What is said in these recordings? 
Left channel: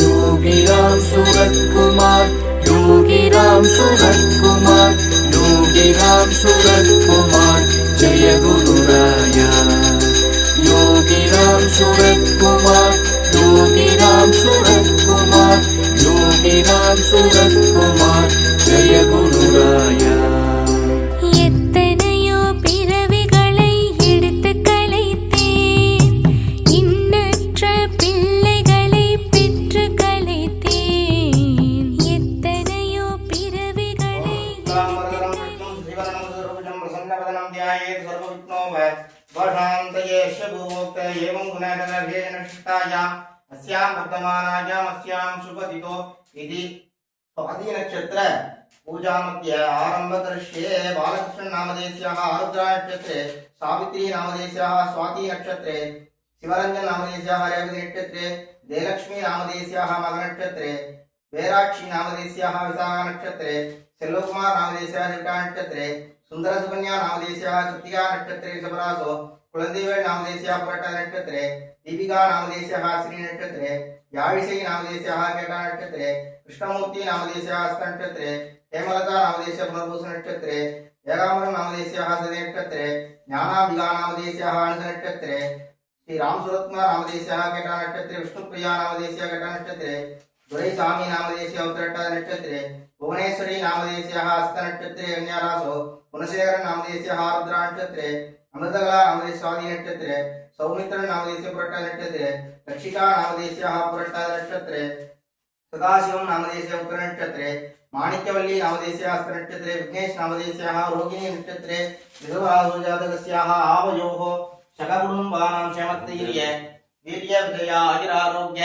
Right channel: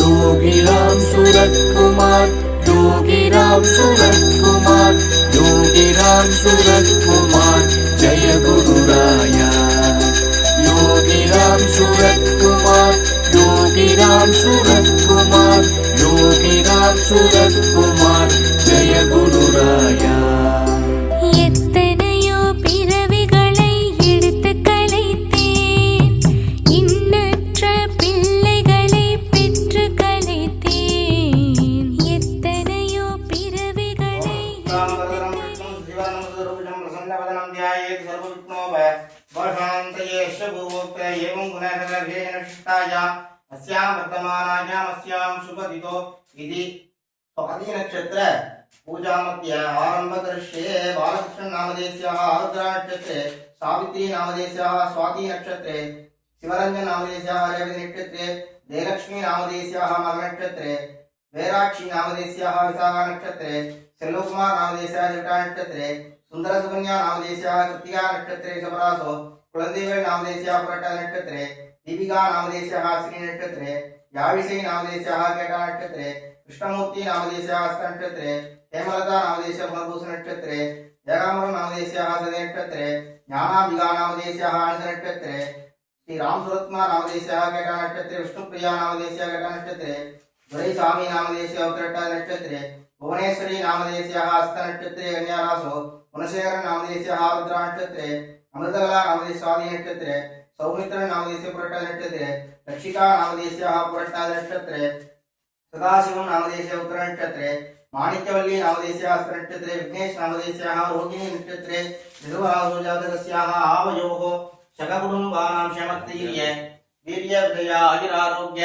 யோகி ராம் சுரத்குமார் யோகி ராம் சுரத்குமார் யோகி சுரத்குமார். इति स्वातिनक्षत्र पूजामध्ये आरंभ करिष्ये बालकृष्णनामधेयस्याः आरुद्रनक्षत्रे सावित्री नामधेयस्याः स्वाति नक्षत्रे शिवरञ्जन नामधेयस्याः रेवती नक्षत्रे जयलक्ष्मी नामधेयस्याः मघनक्षत्रे वेराक्षी नामधेयस्याः विशाखा नक्षत्रे सेल्वकुमार नामधेयस्याः जटा नक्षत्रे सुंदर दीपिका नामदेश श्री यावीसी याविषयी नामधेयस्याः केटा नक्षत्रे कृष्णमूर्ति नामदेश हस्त नक्षत्रे हेमलता नामदेश भरभूष नक्षत्रे जगामरं नामदेश सदे नक्षत्रे ज्ञानाभिगा नामदेश अंश नक्षत्रे श्री राम सुरत्ना नामधेयस्याः केटा नक्षत्रे विष्णुप्रिया नामदेश केटा नक्षत्रे दुरैस्वामी नामधेयस्याः उत्तरटा नक्षत्रे, भुवनेश्वरी नामधेयस्याः हस्त नक्षत्रे कन्यारासो गुणशेखर नामधेयस्याः आरुद्रा नक्षत्रे, अमृतकला स्वाति नक्षत्रे, सौमित्र नामधेयस्य पुरटा नक्षत्रे, रक्षिका नामधेयस्याः पुरटा नक्षत्रे, सदाशिवं नामधेयस्य उत्तर नक्षत्रे, माणिक्यवल्ली नामधेयस्याः हस्त नक्षत्रे, विघ्नेश नामधेयस्याः रोहिणी नक्षत्रे विधुराहुजातकस्याः आवयोः शककुटुम्बानां क्षमत्तीर्य वीर्य विजयागिरारोग्य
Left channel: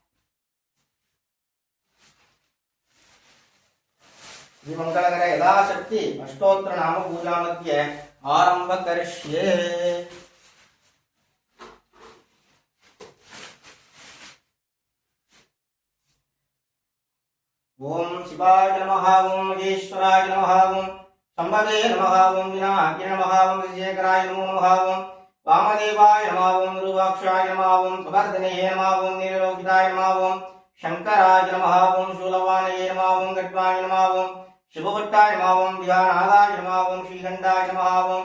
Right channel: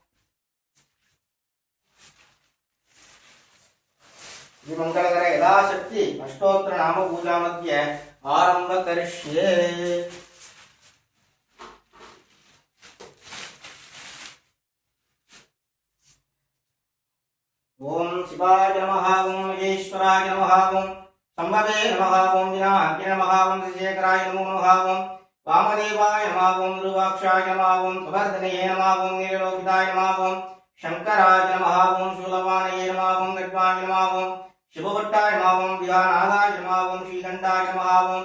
श्रीमङ्गलकर यथाशक्ति अष्टोत्तर नाम पूजा मध्ये आरंभ करिष्ये ओम शिवाय नमः ओम महेश्वराय नमः ओम शम्भवे नमः ओम विनायकाय नमः ओम शेखराय नमो नमः ओम वामदेवाय नमः ओम गुरुवाक्षाय नमः ओम कवर्धनये नमः ओम नीललोकिताय नमः ओम शंकराय नमः ओम शूलवानये ओम शुभभट्टाय नमः ओम विहानादाय नमः ओम श्रीकण्ठाय नमः ओम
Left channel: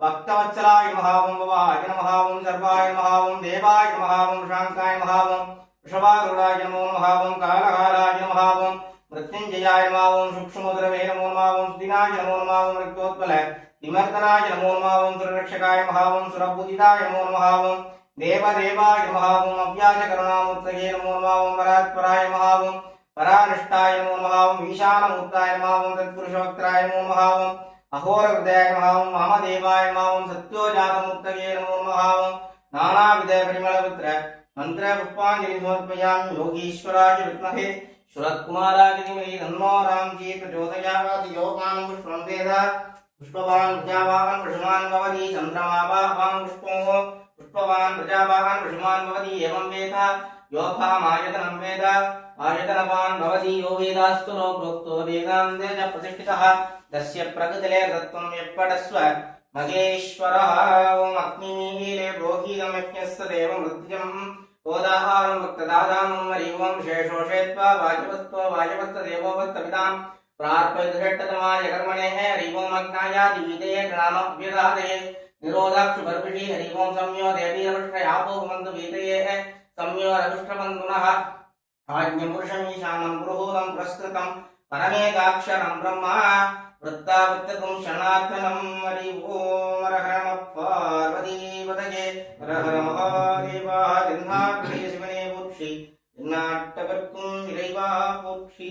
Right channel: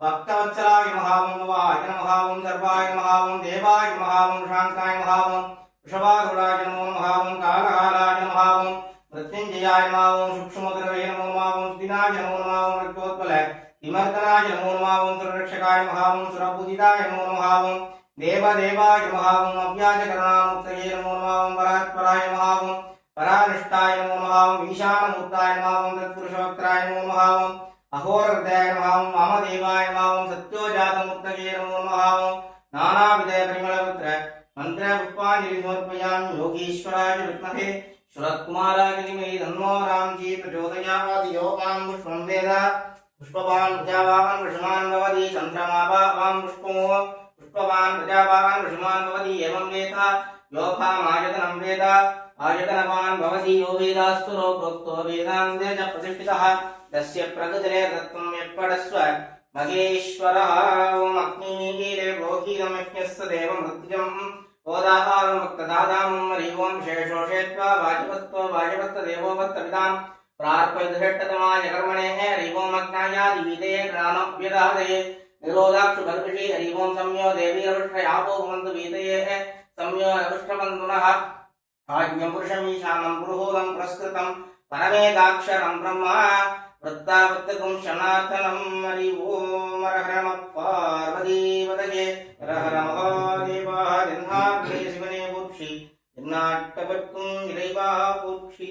भक्तवत्सलाय नमः ओम भवाय नमः ओम सर्वाय नमः ओम देवाय नमः ओम शान्ताय नमः ओम वृषभारूढाय नमो नमः ओम कालकालाय नमः ओम मृत्युञ्जयाय नमः ओम सूक्ष्मगुरवे नमो नमः ओम दिनाय नमो नमः ओम रक्तोत्पल विमर्दनाय नमो परानिष्ठाय नमो नमः ओम ईशानमूर्ताय नमः ओम तत्पुरुषवक्त्राय नमो नमः ओम अहोरहृदयाय नमः ओम वामदेवाय नमः ओम सत्योजातमूर्तये नमो नमः ओम नानाविध परिमलपुत्र मंत्र पुष्पांजलि समर्पयामि योगीश्वराय विद्महे सुरत्कुमाराय धीमहि तन्नो रामजी प्रचोदयात्, योगान् पुष्पं वेद पुष्पवान् प्रजावान् वृषमान् भवति चन्द्रमावान् पुष्पं पुष्पवान् प्रजावान् वृषमान् भवति, एवं वेद, योगामायतनं वेद आयतनवान् भवति यो वेदास्तुरो प्रोक्तो वेदान्ते च प्रतिष्ठितः। तस्य प्रकृतिले तत्त्वं यत्पडस्व महेश्वरः ॐ अग्निमीले प्रोहीतमज्ञस्य देवमृत्यम् ओदाहारं भक्तदादामं हरिवं शेषोषेत्वा वाजपस्त्व वाजपस्तदेवोपस्तविताम् प्रार्पयदुषट्टतमाय कर्मणेः हरिवोमग्नायादिविदे ग्रामव्यदादये निरोधाक्षुभर्भिषि हरिवों संयो देवीरवृष्टयापोपमन्तु वीतयेः। संयो रविष्टबन्धुनः भाग्यपुरुषमीशानं पुरुहूलं पुरस्कृतं परमेकाक्षरं ब्रह्मा वृत्तावृत्तकं शनातनं हरि ॐ हरहरमः पार्वतीपदये हरहरमहादेवान्मात्रे शिवने पूक्षि नाट्टवर्कुं इறைवा पूक्षि